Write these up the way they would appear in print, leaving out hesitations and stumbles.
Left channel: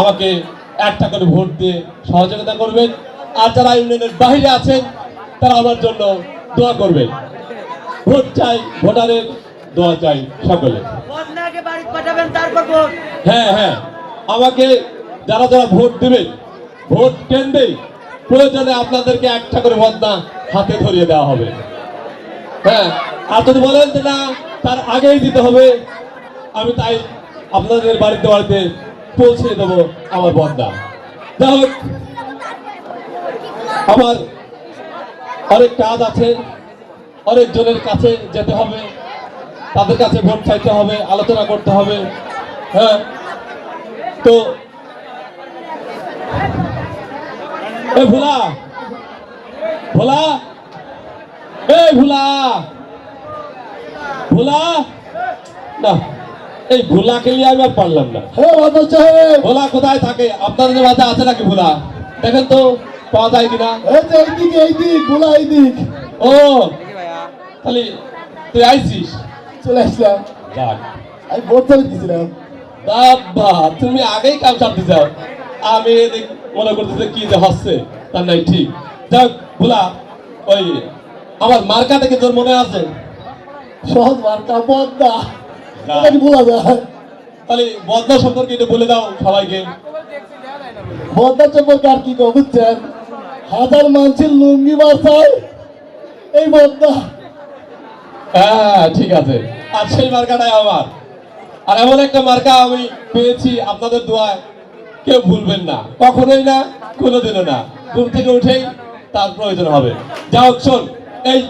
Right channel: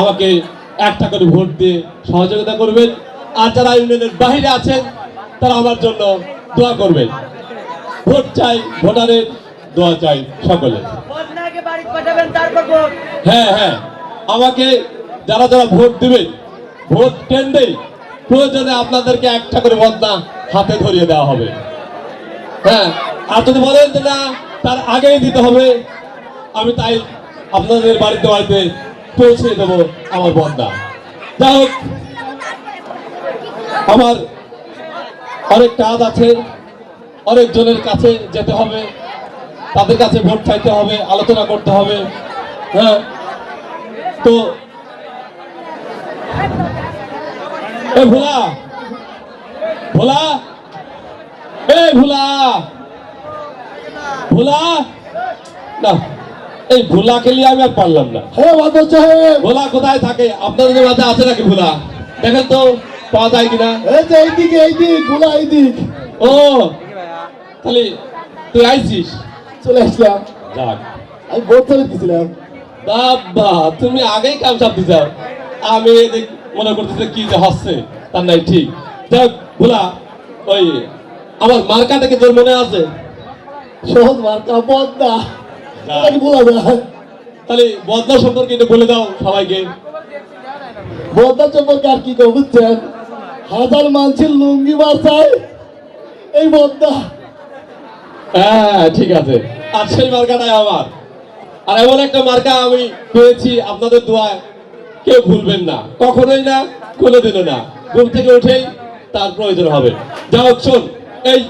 আমাকে একটা করে ভোট দিয়ে সহযোগিতা করবেন। আর যারা ইউনিয়নের বাইরে আছেন তারা আমার জন্য দোয়া করবেন। ভোট চাই, ভোটারের দোয়া চাই সকলে। হ্যাঁ হ্যাঁ, আমাকে যারা যারা ভোট দেবেন, ভোট কেন্দ্রে প্রয়োজনে আপনাদেরকে একটা করে বদনা হাতে ধরিয়ে দেওয়া হবে। হ্যাঁ, আর যদি বলেন যে না তার আগেই দিতে হবে, আমি তাই আপনাদের বাড়িতে বাড়িতে পৌঁছে দেবো আমার বদনা। যাই হোক, আমার অনেক কাজ আছে, অনেক জনের কাছে যেতে হবে, তাদের কাছে ভোট চাইতে হবে, আলোচনা করতে হবে। হ্যাঁ, তো এই ভোলা ভোলা এই ভোলা ভোলা না, এই ভোলাকে নিয়ে আমি আর পারলাম না। হ্যাঁ বাদল সাহেব, ভোলা কোথায় থাকে? আপনাদের মাঝে আছে নাকি ভোলা? দেখেন তো পাওয়া যায় কিনা। এই যে এইদিকে, এইদিক ভোলা এইদিক। ও তাহলে তুই আইছিস? চলে আসলাম, যাক, আমি ভোট চাইতে দিয়েছিলাম। বাবা তুমি আগেই কাম সারতে চাও, আমি এদিক মনে করতেছি কি যে হচ্ছে তার নাই। ঠিক, যাক ভোলা, ওই আমার মার্কা থেকে তোর মনে আছে? সহজ মার্কা বদনা, এটা কি বলা যায়? তাহলে বদনা সম্পর্কে একটু বলে দাও সবাইকে। বদনা সম্পর্কে আর কি কব বুঝছেন? হাজার মানুষের লুঙ্গি বাঁচায় এই বদনা। হ্যাঁ ঠিক আছে, আর সেই মার্কাটাই আমার। আর এমন একটা মার্কা আমি পেয়েছি আপনাদের দোয়ায়, কেউ ভুলবেন না, কখনোই না, কোনোদিনও না। ঘুম থেকে উঠেই তার প্রয়োজন হবে। যা হোক, শোন, এই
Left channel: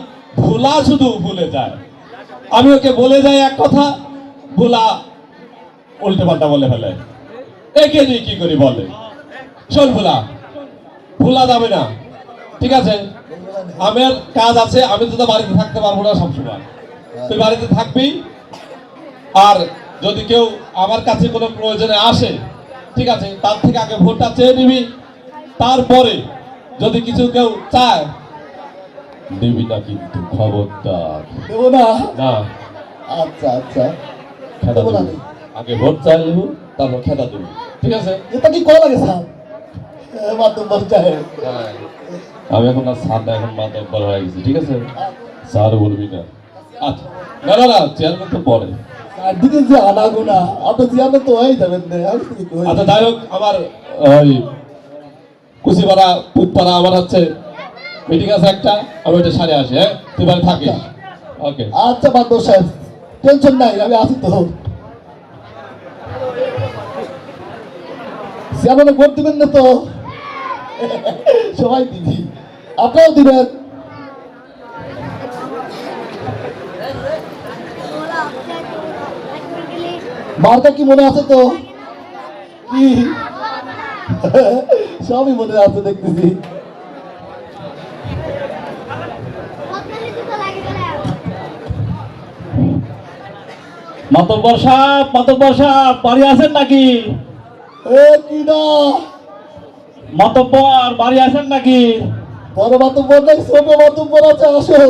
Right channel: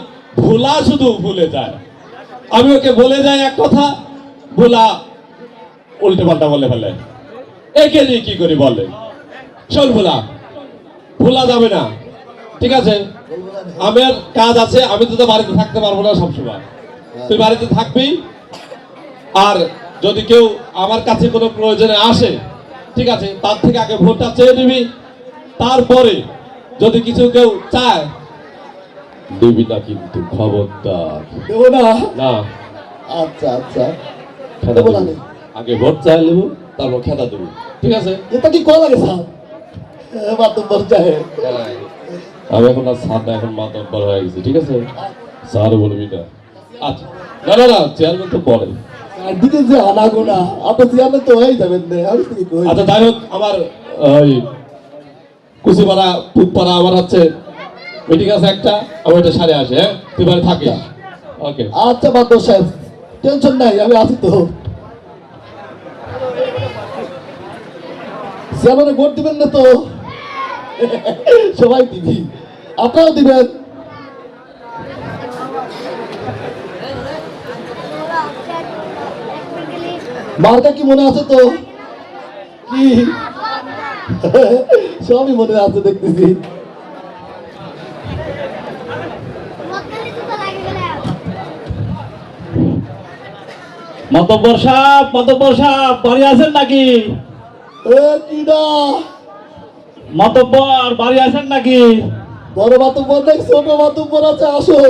ভোলা শুধু ভুলে যায়, আমি ওকে বলে যাই এক কথা, ভোলা উল্টে পাল্টা বলে ফেলে। একে নিয়ে কি করি বলে? শোন ভোলা, ভোলা যাবে না, ঠিক আছে? আমার কাজ আছে, আমি তো বাড়িতে থাকতে পারবো না সবসময়, তুই বাড়িতে থাকবি। আর যদি কেউ আমার কাছে কোনো প্রয়োজনে আসে, ঠিক আছে, তার থেকে আগে ভোটটা চেয়ে নিবি, তারপরে যদি কিছু কেউ চায় দিবি না, কিন্তু খবরদার। দেবো না? না, আচ্ছা আচ্ছা, খেদা দেবো না দেবো। আগে ভোট চাই নেবো, তারপর খেদা দেবো, ঠিক আছে? এটা কি করা লাগে স্যার? বাদল সাহেব, আমি এখন আর সাদা, এখন মাতব্বর হয়ে গেছি, ঠিক আছে? স্যার বলবি না। আচ্ছা, না না না, চেয়ারম্যান তো পরে। আর দিকে যে আনাগোনা, আপনি চেয়ারম্যান তো হয়ে যাবেন না। আমি কি কই? আচ্ছা যাই হোক, আমার ওই কুচিপাড়া পুতপাড়া আমার হচ্ছে মিটিং আছে একটা, আমি ওইটা সারে আসি। হ্যাঁ, তুই বাড়ি থাকিস। ওকে। আচ্ছা বাদল সাহেব, টেনশন নাই, আমি আছি তো। চেয়ারম্যানে ভোট দিবেন না তো? সবাই দিবি, আপনারাও দিবেন। মার্কা কি মনে আছে তো? কি সবই মনে আছে দেখতেছি। মাতব্বর সাহেব, মাতব্বর সাহেব, বাড়ি আছেন নাকি? এ কি না, মাতব্বর বাড়ি আছেন নাকি? বড় বাতুব্বর নাই, ছোট বাতুব্বর আছে, আসো।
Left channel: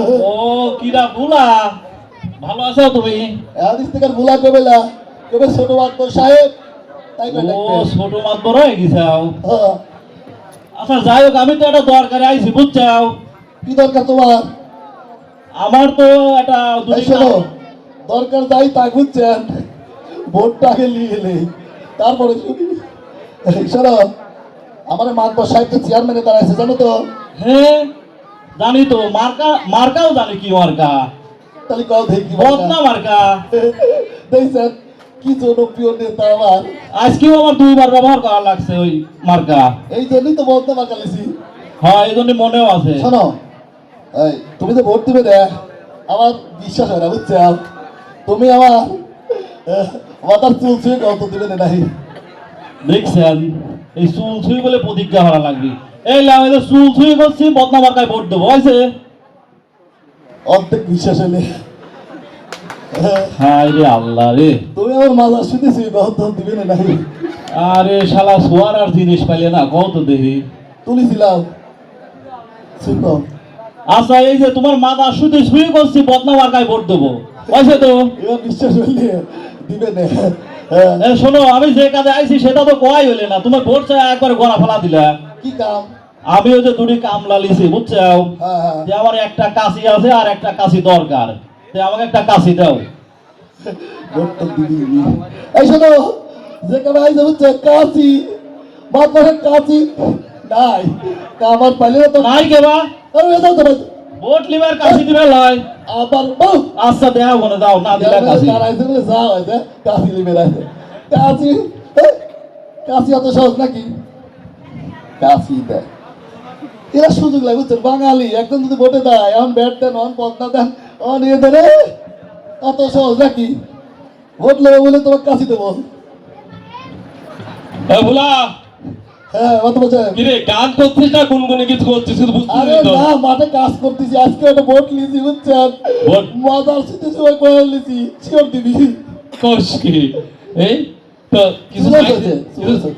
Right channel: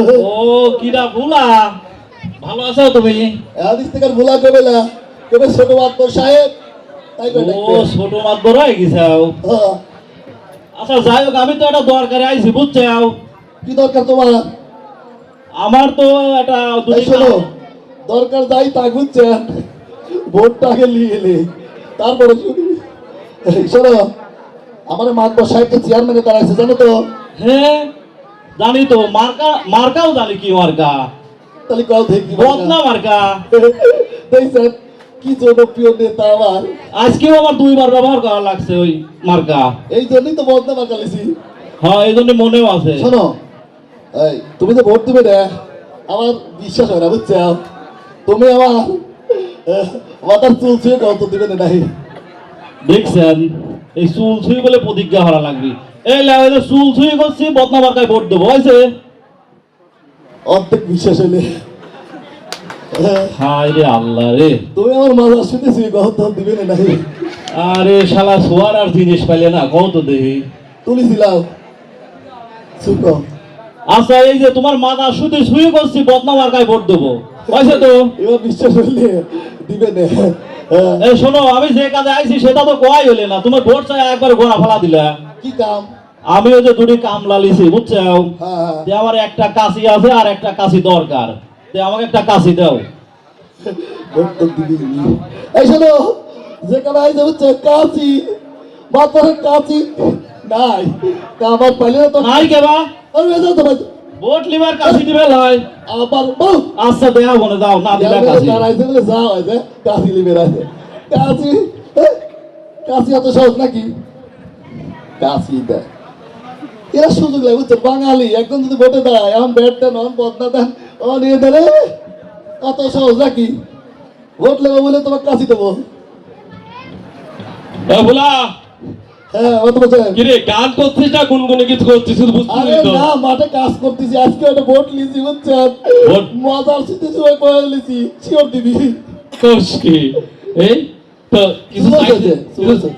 ও কিরা ভুলা, ভালো আছো তুমি? আদিস থেকে ভুলা করবে না, কেবে ছোট বাতুব্বর সাহেব তাই করে ও ডাকবে। ছোট মাতব্বর হয়ে গেছাও। হ্যাঁ, আচ্ছা যাই হোক, আমি তো একটা দরকারে আইছি বুঝছাও। কি দরকার তোমার? আমার তো একটা এই শোনো, দরকার যাই তা বুঝছেন, ভোটটা আগে নিয়ে এলে তারপরে শুনি। এই শোনো, আমার মাতবর সাহেবকে চেয়ারম্যানে দাঁড়াইছে জানো তো? হ্যাঁ জানি তো, মার্কা, মার্কাও জানি কি মার্কা, তাহলে কাউ দেখি বদনা মার্কা। দেখছেন কি জনপ্রিয় নেতা আমার। আজকেও আমার দুইবার ব্যবহার করা লাগছে ওই মার্কা। এই জন্যই তো বদনা মার্কা লিছি। হ্যাঁ এই জন্য মনেও আছে। শোনো, এই তুমি তো ভোট দিবে না, আমার বিশ্বাস হয় না বুঝছো? তুমি আমার মাথার চুল ছুঁয়ে গল্প দিবে না নাই। দেখছেন, এই চুল ছুঁই বলে প্রতিজ্ঞা হারা লাগবে। এই লাগে চুল ছুঁই করছি, বদনা মার্কায় ভোট দেবো, হয়েছে? অর্ধেক বিশ্বাস হলে হায় রে আল্লাহ রে, তুমি আমার মাথা শুনেছি গল্প দিবে না নাই। আরে শালা সোয়ার আর জিনিস পাইলে না, কত দেখি তুলিছিলাম শুনো। আচ্ছা এই যে তোমার মাথা শুধু ছুঁই করছি, বদনা মার্কায় ভোট দেবো, হয়েছে তো? এবার বিশ্বাস হইলে দিবে না এ শোনো, আমি যে কাজে আইছি সেটা তো কোয়াই হলে না, তুমি ভোট চাই একবারে গোড়া ফেলা দিলা। কি কাম? আমি ওই যে দুটি কামলা লিছি বুঝছো, হ্যাঁ যে আমার একটা কাশি আছে আর একটা কাশি দরকার, যে আমাকে একটা কাশি দাও। ভোট তো দিবি। এই শোনো, যে কাম আইছে হচ্ছে কাশি, মাত্র কাশি নাই, কামার পাইলে তো নাই কেবা আরে যাও তো ভোট লিবার কাশি দিবে লয়। আবার বল আচ্ছা দেও মনে দাও, না দিলে কাশি। তার আইছে বলে যাও আইছে কাশি লিবে রাইছে কাশি কাশি অত সহজ নাকি? কাশি দেয় এরা সুযোগ লাগে বুঝছো, বাঙালি একদম যদি ভোটে দেয় এখন ব্যাট দেন অন বদনা দেন ও নিয়ে দেবে, অত সহজ নাকি? ভোট নেবে বলে তোমার কাশি দেবো। এ ভোলা, হ্যাঁ অত বলছে কিরে গান করছিস না গুনগুনে কিছু করছিস শুধু বুঝতে আরে তো? না, মাঠে কাজ করতেছি আজকে একটা ভোট লিছি বুঝছেন, ভোট? মজার সাথে সময় করে লিছি, শিওর দিবি। করস কি? এই তো কিছু চুল চাইছে? আছে, চুল আছে,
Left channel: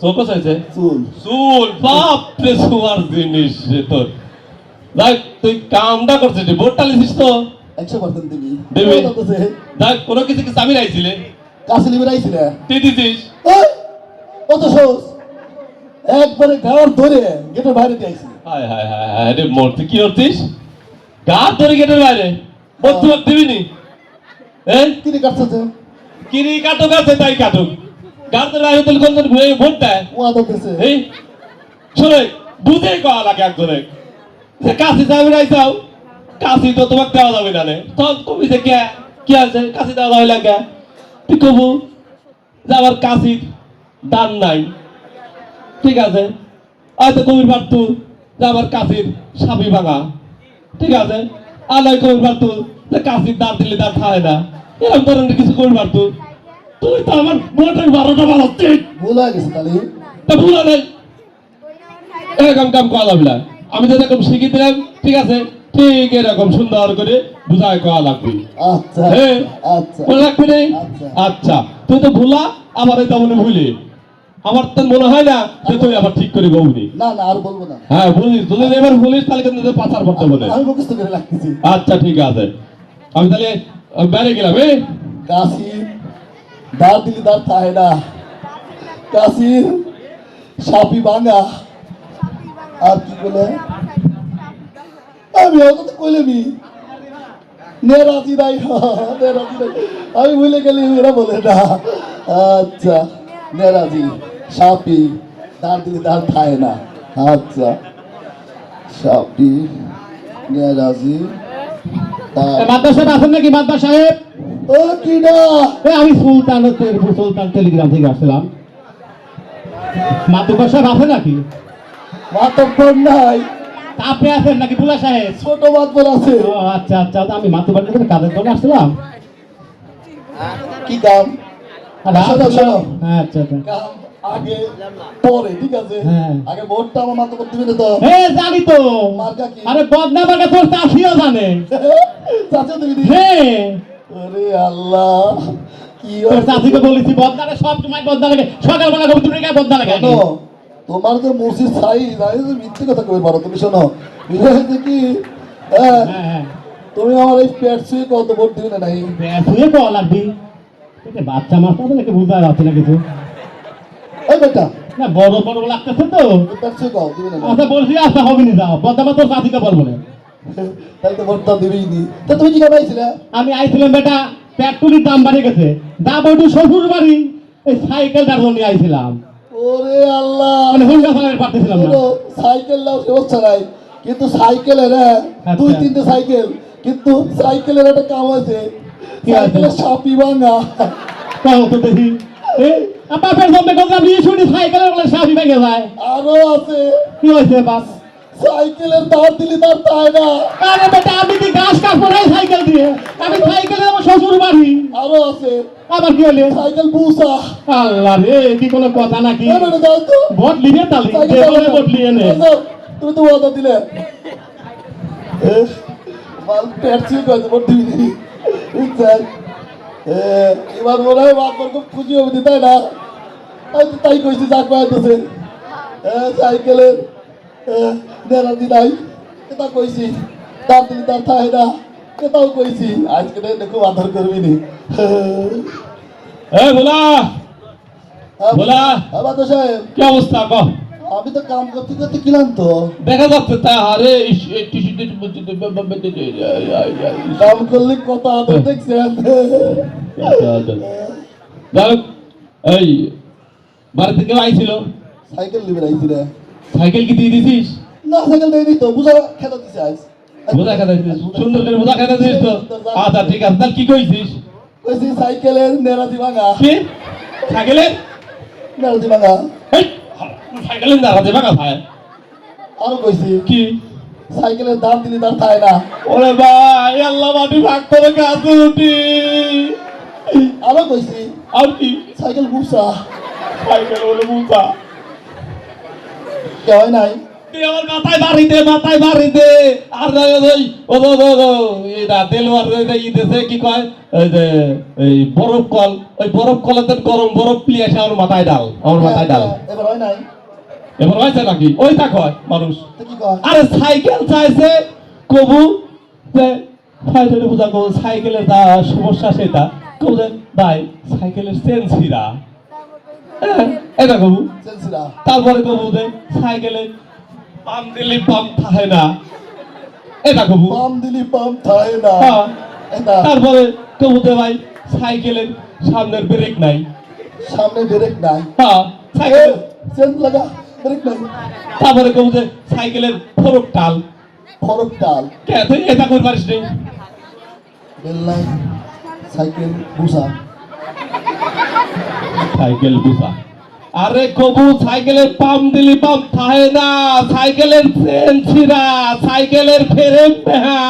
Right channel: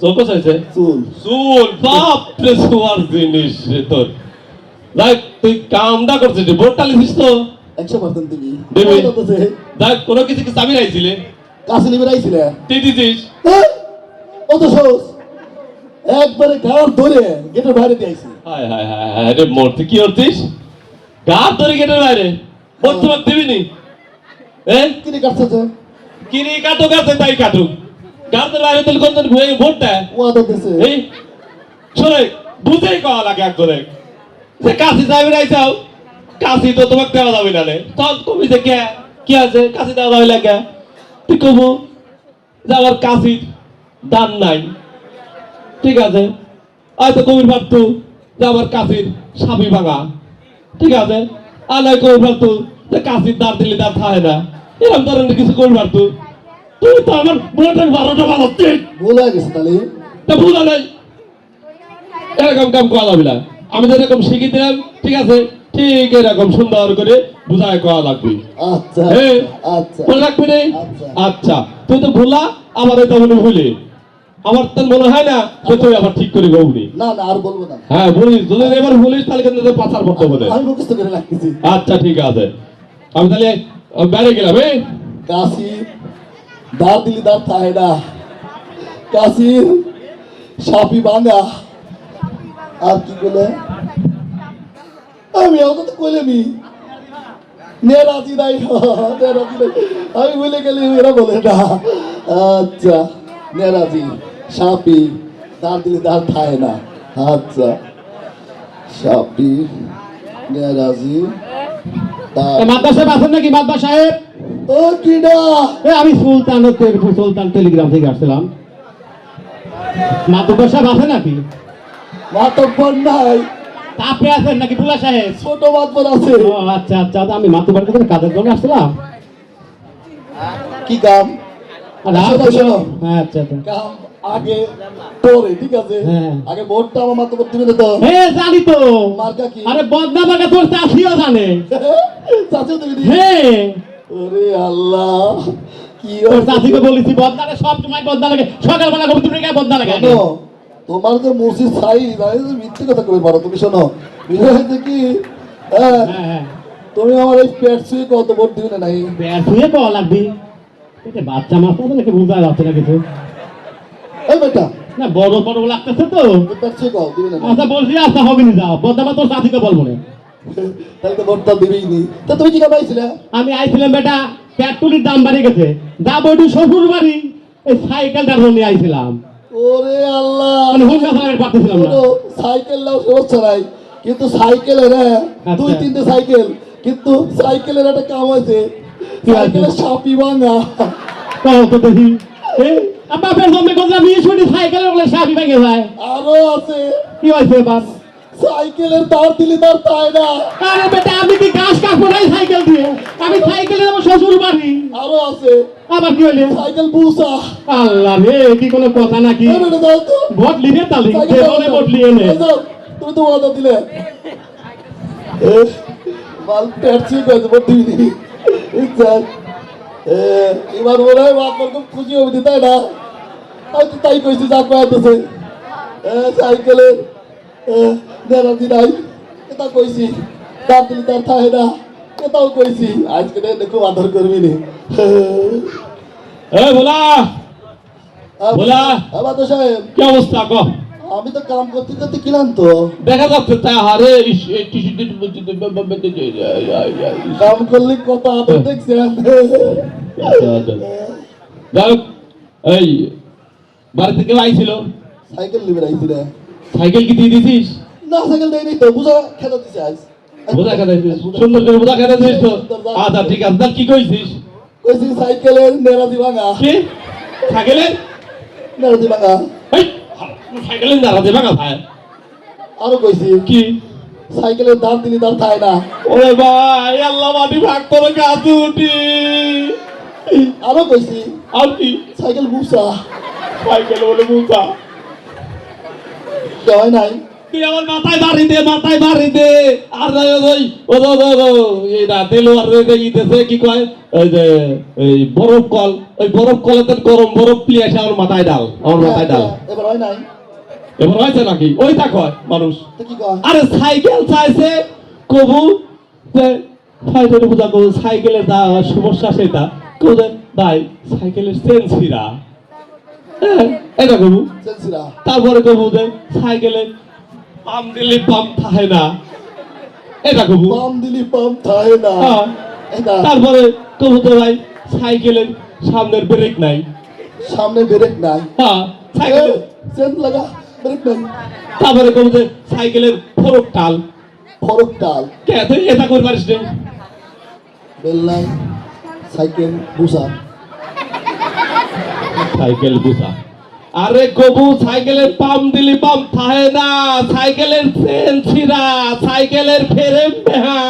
চোখ চাইছে? চুল। চুল বাপরে সুয়ার জিনিস রে তোর। দেখ তুই কামটা করছিস, ভোটটা লিখিস তো? 100% দিবি। দিবি। কত আছে? দেখ কোনো কিছু কি চাবি রাইছিলে? কাশি লিবে রাইছিলে? তুই দিছিস? হ্যাঁ? অত সহজ। একবারে গাড় ধরে গেটের বাইরে দিয়ে আইছি। হায় হায় হায় হায় রে মূর্তি কি করছিস? গা ধরে গেটের বাইরে ভোট তোমার দিবিনি? কি রে কাটছে তো? কিরি কাটুক আছে তাই কাটুক, গা ধরে বাইরে তাহলে কোনজন ঘুরে ভোট দেয়? ও আদর দিছে। এই শোনে বুঝেই কওয়া লাগে একজনে যে কাশি যাবি রাইছাও, কাশি তো তোমাকে দেওয়া যাবে না রে। তখন তুমি যে কে কি আছে কাশি দেওয়া যাবে লাগে, তুই কবু যে আমার কাশির দান নাই, ঠিক আছে? হয়তো কবির পারতু যে আমার কাশির সাবি ভাঙা, ঠিক আছে? আর নয় কবির পারতু যে কাশির দাঁত দিলে দাঁত খায় না, এরকম ধরনের কিছু কবির পারতু। তুই তো আমার ভোটের 12টা বাজাচ্ছিস, ভুল হয়ে গেছে তাহলে। তা ভুল নাই এরকম কাম করা যাবে না। আমি যেরকম শিখি দিলাম ঠিক আছে, ঠিক এরকম সুন্দর করে বুঝায় করা লাগবে। আচ্ছা হ্যাঁ আচ্ছা মনে রাখবি রে? আচ্ছা। আচ্ছা তুই তো ভুলা আবার এটা মনে ভুলি, আমার তো মনে হয় না যে তুই আবার ঠিক করে গৌনি। না না আর বলবো না, হ্যাঁ বলিস, যদি এবার বলিস তাহলে কিন্তু তোদের পাচার করতে বলে। আমি মুখস্থ করে রাখতেছি। আচ্ছা ঠিক আছে, আমি তাহলে বাইরে গেলাম। কাশি দাঁত দিলি দাঁত খায় না, কাশির সাপি ভাঙা, আর কি বলে আমি ওকে তো কইলেনি নেরাজি নাই, নেরাজি নাই, আমি ভুলে গেলি এরা বলে না। আচ্ছা নেরাজি সাপি দাঁত দিলি দাঁত খায় না, আচ্ছা সাপি নেরাজি মাদ্রাস সাহেব আছেন নাকি? মাদ্রাস সাহেব, ও কি না আমি সুলতান টেলিগ্রাম থেকে আসছিলাম। মাদ্রাস সাহেব আছেন নাকি? মাতব্বর নাই, আপনি আছেন নাকি বুলা সাহেব? ছোট মাতব্বর আছে। ও আচ্ছা আচ্ছা, আমি মাতুবার কাছে কাজের জন্য আসছিলাম। কি কাম? আর শোনো, আসছিলাম- শোনো। আচ্ছা আচ্ছা, কাম আগে পরে, ঠিক আছে? হ্যাঁ। আগে ভোটটা আমার মাতব্বর দিবে না তো? হ্যাঁ জানি তো। মার্কা কি? আরে বদনা বাগা তোর চাষিও জানে। চাচু দিবি নি? হ্যাঁ ওরে আল্লাহ, কি তোর চাষিকে বলেছি বদনারে সব সময় বদনা লাগে, সকালবেলা ঘুম থেকে বদনা লাগে। শোনো, তোমার তো মসজিদ ছাই নাই, তুমি মিথ্যে কথা কই পারো। তুমি শোনো, বুঝতে হয়েছে কি? হ্যাঁ, হ্যাঁ হ্যাঁ, তুমি আমার এই পেট ছুঁয়ে কত ভোট দিবে না নাই? শুয়ে পাওয়া লাগবি। বাচ্চা মাছ তো নাকি বুঝতে যাচ্ছে না কিছু। এই বেটা, না বড় বড় লাগতেছে তো। তুমি পেট ছুঁয়ে কও দিবে না নাই? আচ্ছা বলছি আচ্ছা হবে না, যাও বদনামা তোর চাষিকে বলবো না। তাহলে তো ভোটটা দিবেই নি। তা তুমি কি পাইছিলে? আমি আইছিলাম বেটা, পেট্রোলের দাম বাড়ে গেছে, দাম ওইটু শ্বশুর বাড়ি, এই সাইকেলটার জন্য আইছিলাম। ওরে আল্লাহ, মানে হুন্ডা চালাতে পারতেছিলাম না। শোনো, সাইকেল নাও সমস্যা নাই, কিন্তু সাইকেলের আচ্ছা। 2-3টে সাইকেল, কিন্তু সাইকেলের একটা কাম আছে, কি আছে? সাইকেলের সাপি ভাঙা। তাও তো দেখি বাপের সামনে কথা বিয়ে শুনি সাইকেলের বলে সাবি ভেঙে যায়। আরো আছে, কি হয়েছে বাপ? সাইকেলের তার দিলে তার তাই না। আরে বেটা আমি কি গাছ কাটবো নাই সাইকেল দিয়ে? আমি সাইকেলে আমার শ্বশুর বাড়ি। আরো আছে, আবার কি হলে? সাইকেল বুসা। আল্লাহ রে, কি কোনো কথা নাকি? এই বেটা দাও তো, ভোট লিবে তালি সাইকেল দাও তো। ভোট লিয়ে নে। এই দাও, তুমি তো ওয়াদা দিলে। মাল পেট ছুঁয়ে গেছে, ভোট দিবি নি। বুঝছেন? এবার মনে হয় আপনার খুব খুশি হবে, তাই না? হয়তো তাই কইছি, যা কয়েছে সাইকেলের গ্যারান্টি নাই, এটা কইছি। তার দিলি তার থাকে না, এটাও কইছি। আজকে খুব আদর করবি নি। এই ভোলা ভোলা বাদু সাহেব, কি অবস্থা ক আমি তো কাম করতে করতে কিলাম তো। দেখা যাচ্ছে তা আরে কাম করলে কত আদর দেখছেন। যাই হোক, এই বাড়িতে কেউ আইছিল? সাইকেল নিবে আইছি রে। সাইকেল কি দিয়ে দিছিস? না সাইকেল দেয়নি তো, বুঝা খেতে দিছে আজ। বোঝা খেতে দিছিস? সুন্দর করে বোঝা খেতে দিস তো। আচ্ছা ঠিক আছে, তাহলে কি কইছিস? কইছি সাইকেলের নেরাজি ভাঙা, কি সাইকেলের নেরাজি ভাঙা। এই, সাইকেলের দাঁড়া দেবে না ভাই। আরো কইছি কি সাইকেলের দাম দিলি দাম খায় না। ওরে ভাই, আল্লাহ মাটি ভাগ করে গাছে উঠি। আরো কইছি আর কি সাইকেল বুসা, সাইকেল বলে মুখা। হয় নাই। তুই আমার মাথায় বাড়ি দে, মাথায় বাড়ি দে। আর এই রাতে লোয়ার দিতেছে কি কয়, ওই যে এই বরফ কল, ওই বরফ কলেতে গরম বরফ প্লি আসে আমার মাথায় ডাল, আমার মাথায় ডাল। এবার হয় নাই এবার হয়েছে নাকি? ওই তা কয় মানুষ। তো কি কয়? আরে সাইকেল চাইছে কবু যে ফাইটারে বুঝা কবু সাইকেলের যা সমস্যা সেটা কবু যে ভাই সাইকেলের চেন ছিঁড়া। হ্যাঁ, এটা কবু। সেলসিরা তারপরে কবু যে সাইকেলের পাম দিলে পাম থাকে না, এটা কবু। পাম দিলি পাম থাকে না। হ্যাঁ। এটা তারপরে কবু যে ভাই সাইকেলের সামনের ব্রেক নাই। সামনে ব্রেক নাই। হ্যাঁ, সাইকেল। চেন লাগা ব্রেক নাই। তারপরে কবু যে সাইকেলের ফরক টাল। ফরক টাল কে তুই এটা করে পারিস নি? বেল নাই। সাইকেল বুসা, সাইকেল গুছা। আরে কবু সাইকেলের পাম দিলি পাম থাকে না, সাইকেলের চেন ছিঁড়া, সাইকেলের ফ্রেম বেহা,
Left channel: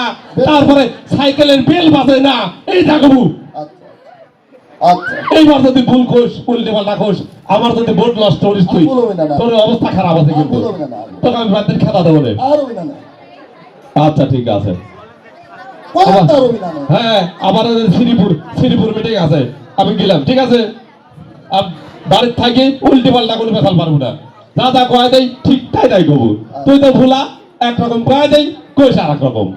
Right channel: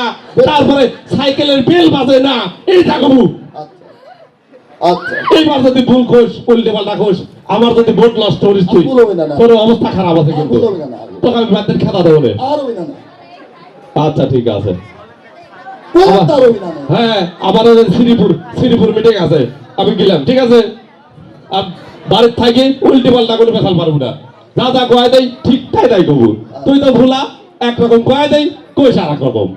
তারপরে সাইকেলের বেল বাজে না, এইটা কবু। আচ্ছা আচ্ছা এইবার যদি ভুল কোস উল্টে পাল্টা কোস, আমার যদি ভোট নষ্ট করিস তুই, আর ভুল হবে না, না। তোর অবস্থা খারাপ আছে আর কিন্তু। ভুল হবে না, না। তোকে আমি বাদের খাতা দেবো না। আর হবি না না, আচ্ছা ঠিক আছে। বহুত আর হবি না না। হ্যাঁ, আমার শ্রীপুর মিটিং আছে, আমি গেলাম, ঠিক আছে। বাড়ির থাকি উল্টে পাল্টা কোনো পেশাল পারবো না। যা যা কয় দেয় ঠিক তাই তাই কবু। তুই তো ভুলা একরকম কয় দেয়, কইস আর এক রকম।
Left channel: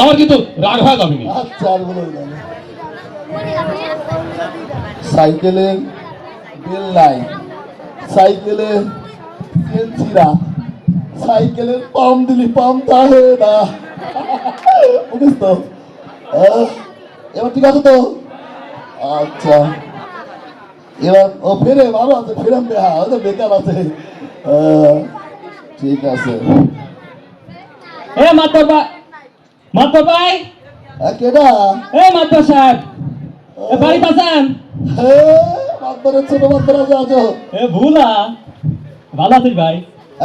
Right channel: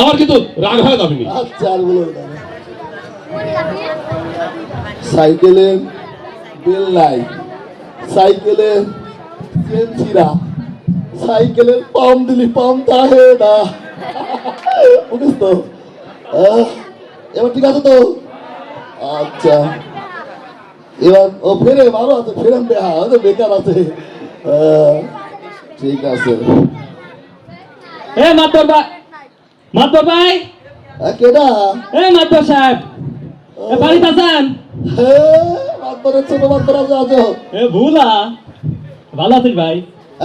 আমার কিন্তু রাগ হয় যাবি না। আচ্ছা আর ভুল হবে না না। সাইকেলের বেল নাই, সাইকেলের চেন ছিঁড়া, সাইকেলের পাম দিলি পাম থাকে না। বুঝিস তো? এবার ঠিক আছে তো? আচ্ছা এবার ও ফেরে ভালো আছে, ফেরাম বেহা হয়তো বেকার আছে। ঠিক আছে। এ মাতর ভাই, কেডা? এ মাতর সাহেব, এ বাড়িতে আছেন? মাতবরের ছোট মাতবর আছে, আছো? এ ভুলা, ভালো আছিস ভাই?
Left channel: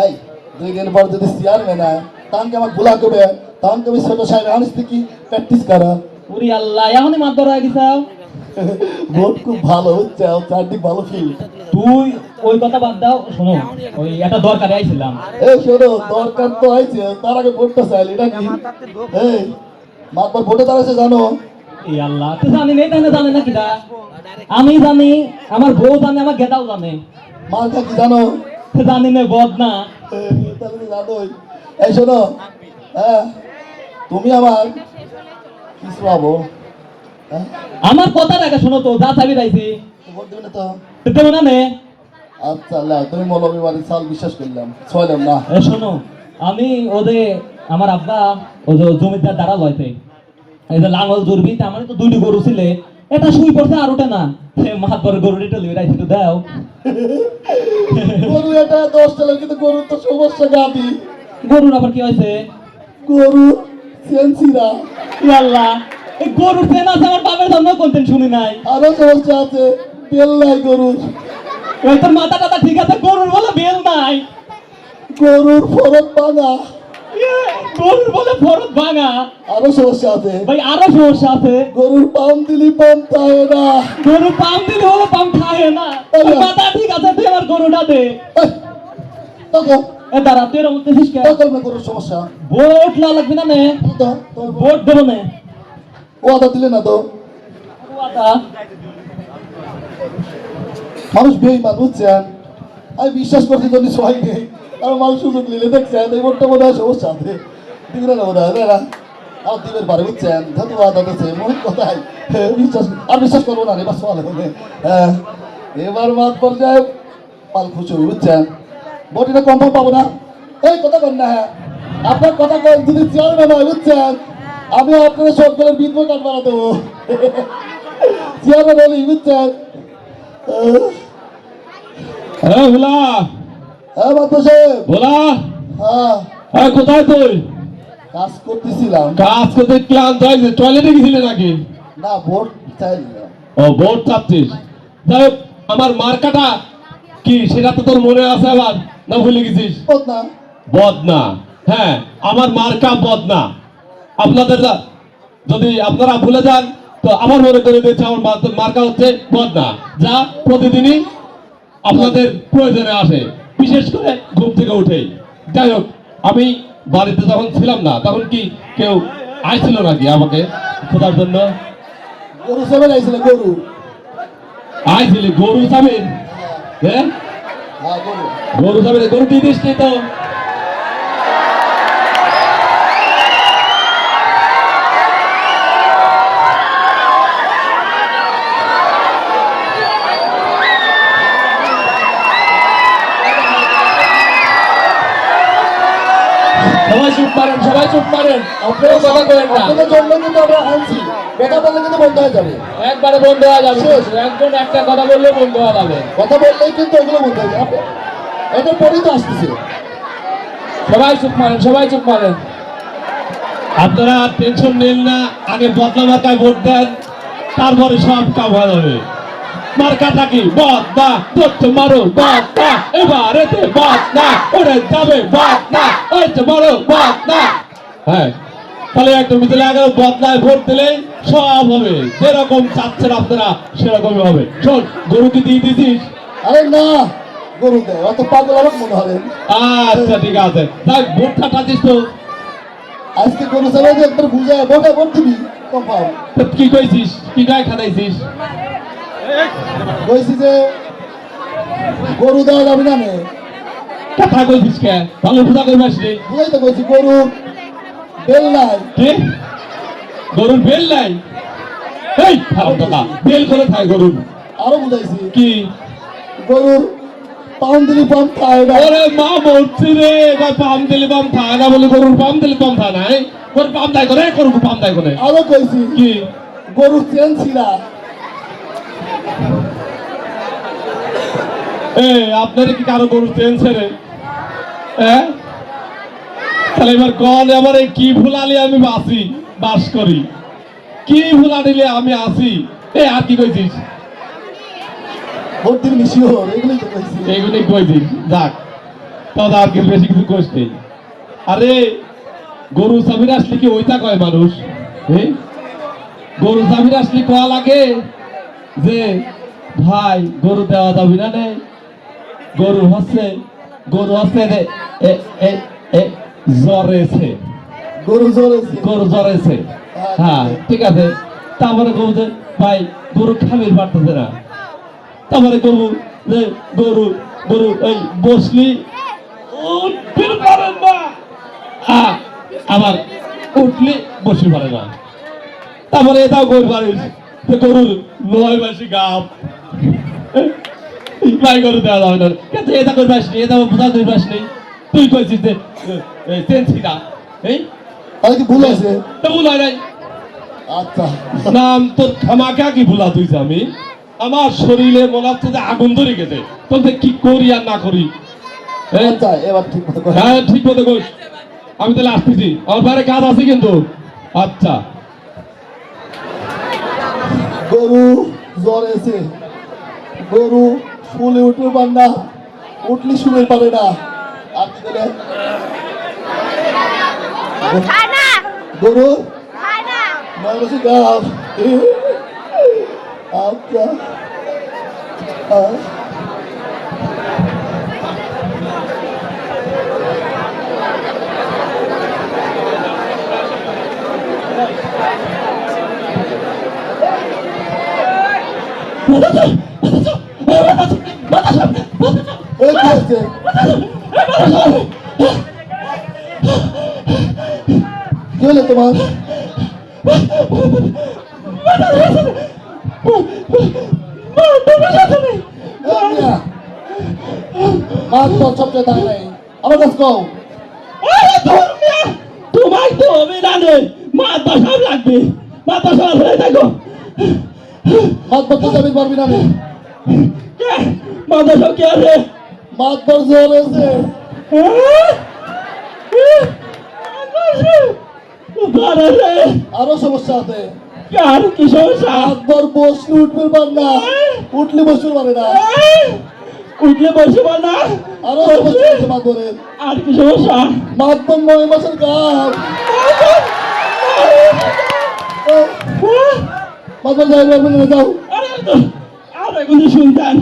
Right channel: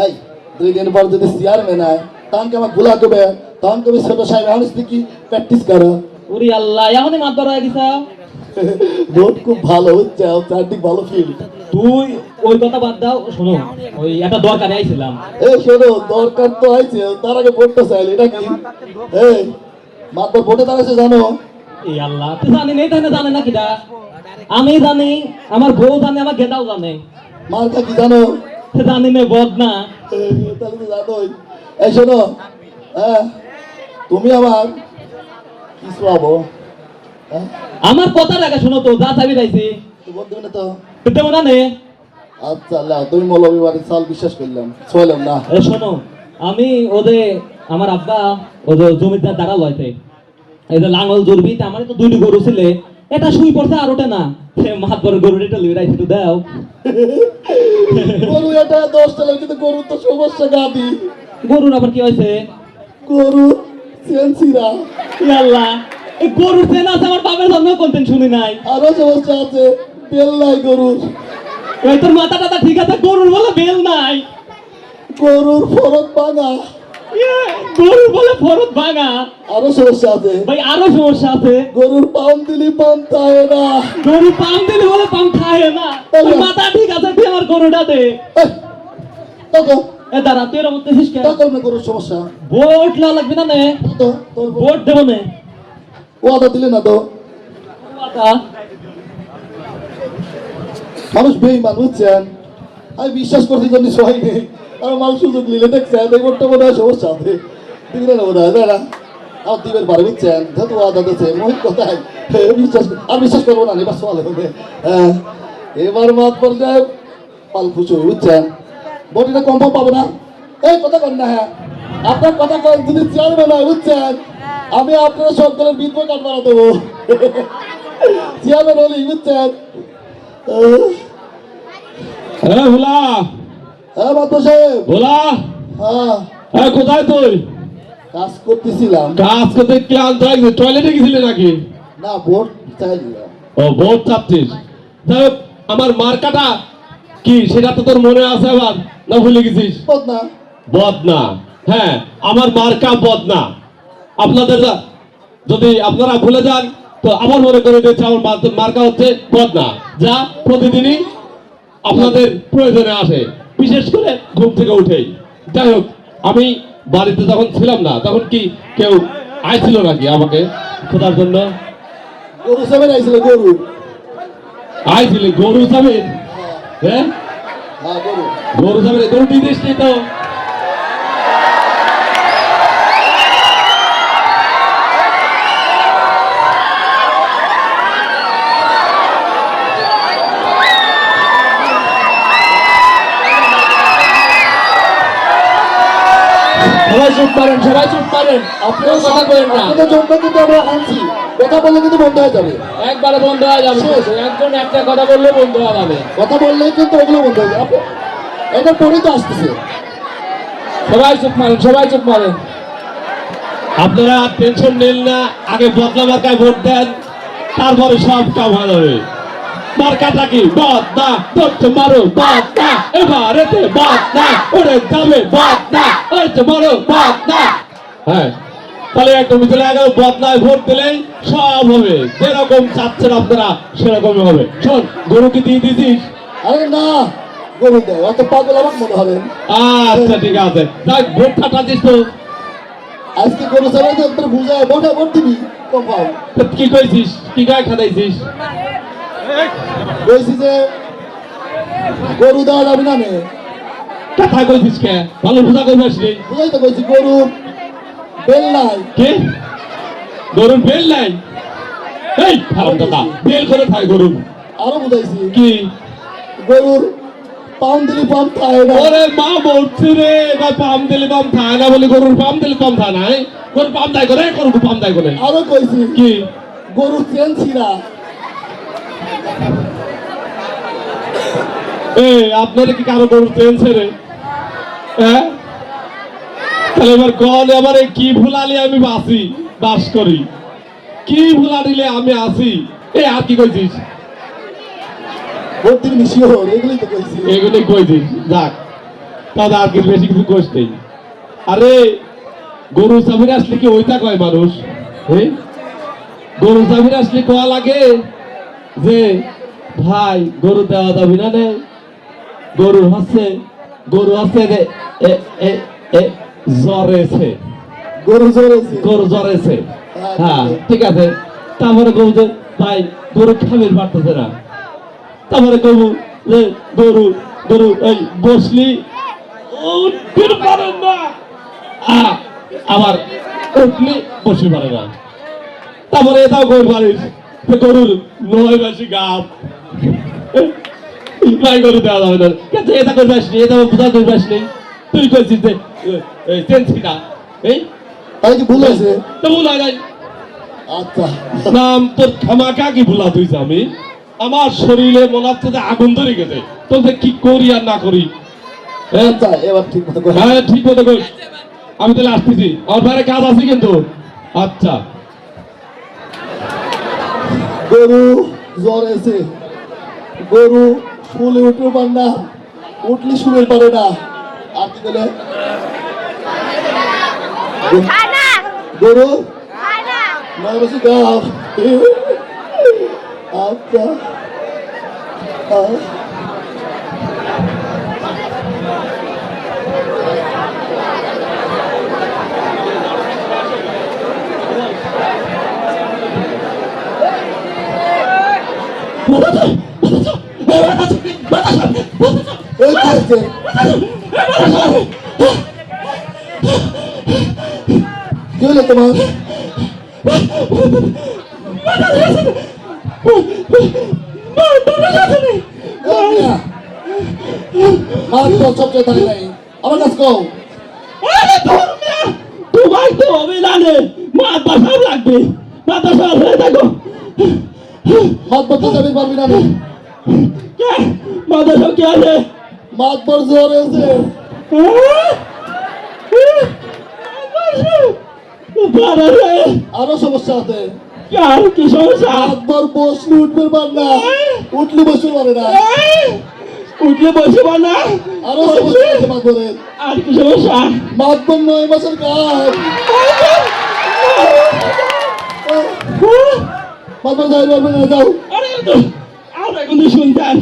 এই 2 দিন পর যদি চেয়ারম্যান হয় তখন কি আমার গুলা করবে? তখন তুমি ছোট সাহেব আনিস কি প্র্যাকটিস করো? ওরে আল্লাহ, এখনই মাতর হয়ে গেছে। ভোট খুব ভালো হচ্ছে, চারদিক ভালো ফিল। তুই ওই কথা বাদ দাও, শোনো ওই একটা দরকারে আইছিলাম। এই শোনো, দরকার তো হয়েছে, তার আগে ভোটটা চাইলে এটা কি? এই মাতবর ভোটে দাঁড়াইছে জানো? এই আল্লাহ, তুই জানি নেই তাহলে জানে না কিটা? আমি জানি, আমার বউ জানে, আমার গেটাও জানে। মার্কা কি জানো? জানি না, বদ না। তাহলে তো জানোই। এই শোনো, হ্যাঁ তুমি আমার কিছু হবো। হ্যাঁ আমার কথা রাখা, শোনো তো, যা চাবি রাইছি ভোট দেবে না তো? দেবো না নে। আচ্ছা আল্লাহ, তুমি মৌলবী বাড়ির চাল বিশ্বাস করলাম, ছয়লাম না। এ শোনো, আমি ওদের আমার আব্বা ওদের জমিদার দ্বারা লয়তে এই যে লাঙ্গল জুরবি, আমার তো 2টি গরু ছিলে, এটা শুই পড়ছে আর ওটা না। সে মাতবর গরুটা লিয়ে রাইছি, তো দাও। গরু এটা 10 টাকা, কিন্তু গরু তো সমস্যা গাদি। গরুর আবার কি হয়েছে? গরু সেন্সিরা আল্লাহ, এই গরুর চেন আছে, আমার বাপের জন্য কোনদিন শুনি নাই। আরো সমস্যা আছে, বেল নাই গরুর। ওই তোর মাথা টাথা ঠিক আছে, গরুর বলে বেল নাই। গরুর ফরক ভাঙা। গরুর বলে ফরত ভাঙা। আরো সমস্যা আছে, ভাই আরো সমস্যা আছে। গরুর পাম দিলি পাম থাকে না। গরু পাম দিলে হলো পাম খায় না। তোর মাথা ঠিক আছে, তুই আমার গরুটা দে। টাকা এ দাঁড়া, তুই এর মধ্যে দিস কে? টাকা না গরুর সমস্যা ভোট না লাগবে না নে, তো তোর ভোট দেবো নে। ওয়াদা দিলে না তো? কথা মানুষ বেইমান বুঝছেন, আমি বিশ্বাস করছি জন্য সহায় নেই। আর মানুষ সুযোগ নিলে দেখছে এই ভোটটা মনে হয় সমস্যা আছে, দিবি না বোধ হয়, তাই না? আর দিবের বারে বুঝছেন ধতুয়া দাদাছে মহিত কথাই বিশ্বাস করবো না এবার সোয়াল হবে হ্যাঁ এবার মাঠ পর্যায়ে পাল খুশি বুঝছেন বটিটা কনফার্ম পাবো না এই কথা কন না হ্যাঁ আপনার কথা কয় যদি চেয়ারম্যান হয় বুঝছেন আমি আপনার সব দলের বিদ্য কাট বানা দেবো চেয়ারম্যান হলি বুঝছেন হ্যাঁ ভোলা, হ্যাঁ মাত্র সাহেব ভোলা, হ্যাঁ হ্যাঁ কোথায় তুই? কাজ করতেছিলাম কাজ করতে ক্লান্ত হয়ে গেছে, টয়লেটে গেছিলে নাকি? না ভোট চাইলাম ও ভোট চাচ্ছিস? তাই আমার মার্কাটা কি সেটা তো তোর মনে আছে আবার, না ভুলে গেছিস? না বদনা, হ্যাঁ আমার মার্কা বদনা। আপনাদের যদি আপনারা ভুলে যান তো আমার মনে করে দিয়েছে আমার মার্কা হচ্ছে বদনা, যা প্রতিদিনই আপনাদের প্রয়োজনে আসে, বিশেষ করে ঘুম থেকে উঠেই। যাই হোক, আমি বাড়িতে যখন ছিলাম না তখন কি কেউ আইছিল নাকি আমাকে খোঁজার জন্য? গরু সামনে আইছিল গরু আইছিল গরু সামনে? হ্যাঁ হ্যাঁ গরু গরু সামনে, গরু দিয়ে দিস তো। সবাই চুপ করেন, সবাই চুপ করেন, আপনারা কথা বলেন না। আপনাদের জন্য কিন্তু আমরা আনছি কথা বললে কিন্তু বন্ধ হয়ে যাবে একবারে বন্ধ হয়ে যাবে, একজন একটা কথা বললে বন্ধ হয়ে যাবে। কথা বললেই কিন্তু ওগুলো বন্ধ হয়ে যাবে এদের পরেই তো আসতেছে সবাই চুপ করেন, সবাই চুপ করেন। আপনারা টেনশন নেন না, আগে বদলা মার্কায় ভোট দেন, তারপরে সব কাম হয়ে যাবে। মার্কাটা কি? বদনা, ধরতে মারো বদনা, এবার এতে বদনা, ওরে যাবে বদনা, ওই তো বড় বদনা। হ্যাঁ, তাহলে তুমি তাহলে আগে বদলায় ভোট দিলেই সব হবে, যেরকম চাচ্ছেন আপনারা সেরকমই হবে। শোন, গরুকে দিয়ে দিছিস? আরে না গরু দেয় অত পাগল আমার মনে হবেন আচ্ছা ঠিক আছে, তাই ভোটটা টাচিস তো। আজকে গরু সামনে যে একবার বুঝা বোকা ভোট দিবি কনফার্ম তো কি কইছিস? কি গায়ে খাটাইছিস? বলছি যে গরু দেওয়া যাবে না নে কথা কইছিস কে? ভালো বুঝা করবাস রে। বুঝাই তো কইছি গরু বেল নাই কে? গরুর বেল নাই? এই খারাপ কথা, বেল করে খায় গরুর। আরো বুঝাইছি কি? গরুর পাউন দিলি পাম খায় না ওরে মা বলছি রে, এবার পাম দিলে পাম খায় না বলে গরুর পাম দিলে পাম খায় না? গরুর পাম দেয় করে, গরুর পাম দেয় করে। আরো কইছি কি? গরুর চেন ছিড়া এই আপনারা কি কারো গরুর চেনছে রে? হ্যাঁ, তাহলে এবার কন এবারে কি ভুলালি আমি বাস করি? কি ভুলা দিলে আমি আসি? এই আর কি কইছিস? ভোট দিবি শিওর এগুলোই তো কইছি এগুলো কইছিস, যাক তাহলে আর কি বেশি কিছু কোষ নেই। আরে গরু সামির আসলে কি ওইটা কয় মানুষ? হ্যাঁ, গরু সামির আসলে কয়া লাগে যে ভাই গরু দেওয়া যাবি না রে, গরু আছে রে, জ্বরেছে, গরু জোরেছে গরু জ্বরেছে। হ্যাঁ ঠিক আছে, তারপরে কবু যে ভাই গরু খাবে পারতেছে না, তারপরে কবু যে গরু এই বসলি উঠতে পারে না, হ্যাঁ আবার উঠলে বসে পারে না, তারপরে এটাও করে পারিস গরুর 9 মাসি গাপ ভাই গরু দেওয়া যাবে না। কিন্তু এটা করে পাসনি, এটা বোঝা করে পাসনি, তুই করছিস যে টেনছি না। এই তাই কি ভুল আছে তো ভুল হয় নাই। আচ্ছা নাম তোর খামাকা কি ভুলা তুইছে? আমি আমার শরীরে মনে হচ্ছে যে আগুন ধরে গেছে, তোকে কি করি আর না করি। হ্যাঁ, আচ্ছা এবার ঠিক মতো কর। হ্যাঁ ঠিক মতো কর। আমি তাহলে আসতেছি, আমার বাইরে কাজ আছে কিন্তু। আচ্ছা গরু জ্বর এসে গরু ফুলে উঠে পার না উঠলি শুনে পারে না আর কি বলে খানা গরু খানা নয় বছর গাছ আচ্ছা এই কি হচ্ছে কি হলো তোমার মাতবর সবচেয়ে থাকে নাই আমার কাছে কও তোমার তো অভিযানে মাথা সব লাগবে মাথা সব হয়ে থাকো মাতবর তো যাবি পারবি না রে মাথা সব কি আছে মাতবর জ্বর হয়েছে আরো সমস্যা আছে আর কি সমস্যা মাতবর বসলে উঠবে পার না উঠলে বসতে পারে না উঠলে বসে না আরো সমস্যা আছে মাতবরের আর কি সমস্যা মাতবর 9 মাসের কাজ মাতবর যাই পারবে না যাও আরে তো আরে কিন্তু শুনতেন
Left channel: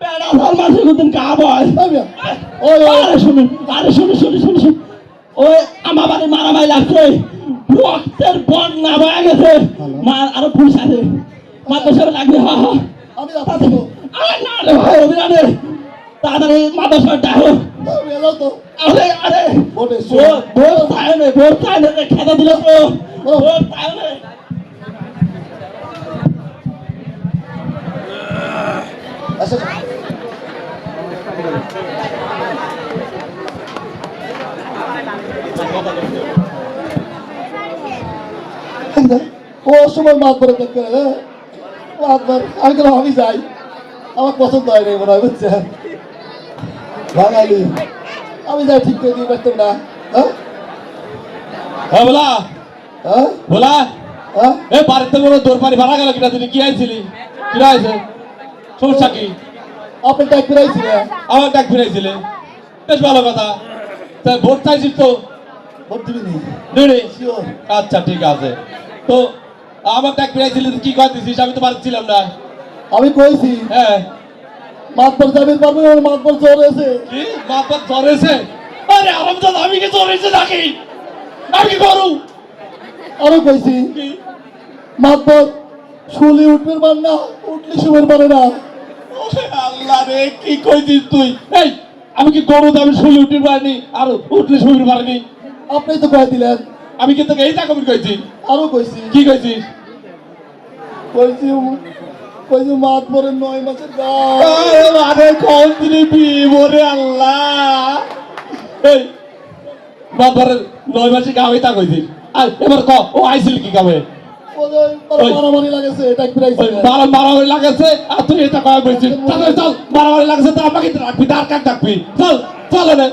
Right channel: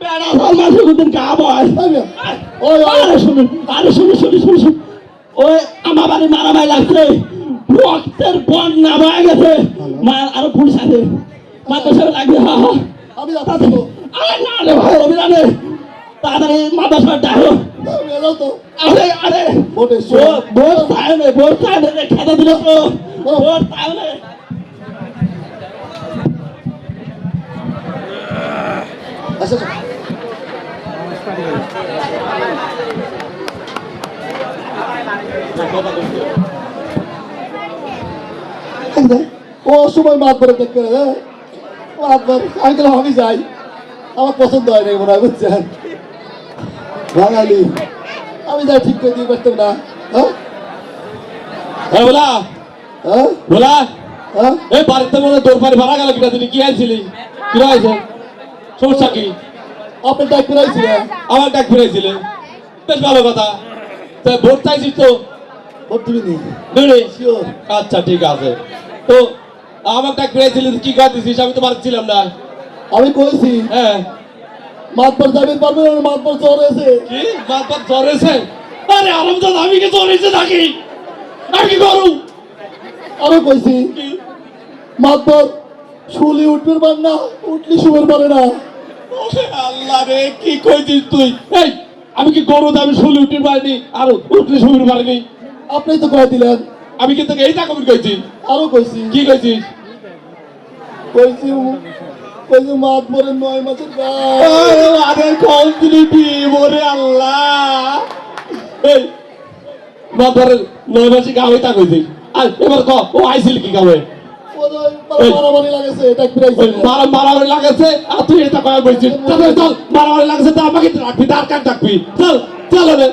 বেড়া সাল মাসে কিন্তু কাম হয় ওই আরে শুনুন শুনুন ওই আমার বাড়ি মারামারি লাগছে রক্তের বন্যা বয়ে গেছে মা আরো পুলিশ আছে মাথা সব লাগবে হা হা আমি যাচ্ছি তো আরে না রে ভাই অভিযানে তাড়াতাড়ি মাথা সব ডাকো যাও তো আরে ওটে ভোট চাইলে খেতে দিল তো ভোট চাইলে আচ্ছা ও সময় মাতবরে দেখতে মাতবর আঙ্কেল আমি যাই আমার পছন্দ হয় না মনে হয় বুঝছেন বাঙালি আমি যাই ঠিক করে দিয়ে পারতাম না হ্যাঁ বলা হ্যাঁ বলা হ্যাঁ এ বাড়িতে মনে তোর পারে ভাড়া গেল কিনা তুমি কি আইছিলি কি আইছে সমস্যা কি আপনি ডাক ফিরাইছিলেন আমার ডাক ফিরাইছিলে বেশ ভালো কথা তা ভোট চাইছিস তো ভোট দিবিনি দিবি শিওর আচ্ছা ঠিক আছে তো আমার ডাক ফিরাইছিলি তুই কি করতেছিস আমি তো পারছিলাম না আমি কইছি হ্যাঁ মাতবর যাবেন পারবেন না মাতবর জ্বর হয়েছে কি বাপ জ্বরেছে আরে আলমদাদ আমি কি জ্বরেছে নাকি আমি কি করু আরো কইছি কি মাতবর শুলি উঠবে পার না উঠলি শুবের পারে না ওরে আল্লাহ রে কি কইছিস তুই এই আমি কি গরু আমি শুলে উঠতে পারিনি আর উঠলে শুতে পারিনি আপনি তো কয়ে দিলেন আমি কিন্তু এইটা কবি কইছি আরো কইছি কি কইছিস কইছি কইছি মাতবরের 9 মাসের কাজ আরে আরে কোন দিবি ওরে আল্লাহ এই মাদারের 9 মাসে গাওই তা কইছি আর এবার ক ও আইছিল কি গাবে মারামারি লাগেছে ডাক ওই ফিরাইছে মারামারি লাগাছে আর তুই এটা কয় বলছিস চল মারামারি লাগাছে তা আমাকে রাখবি তার কাট রাখবি চল চল রে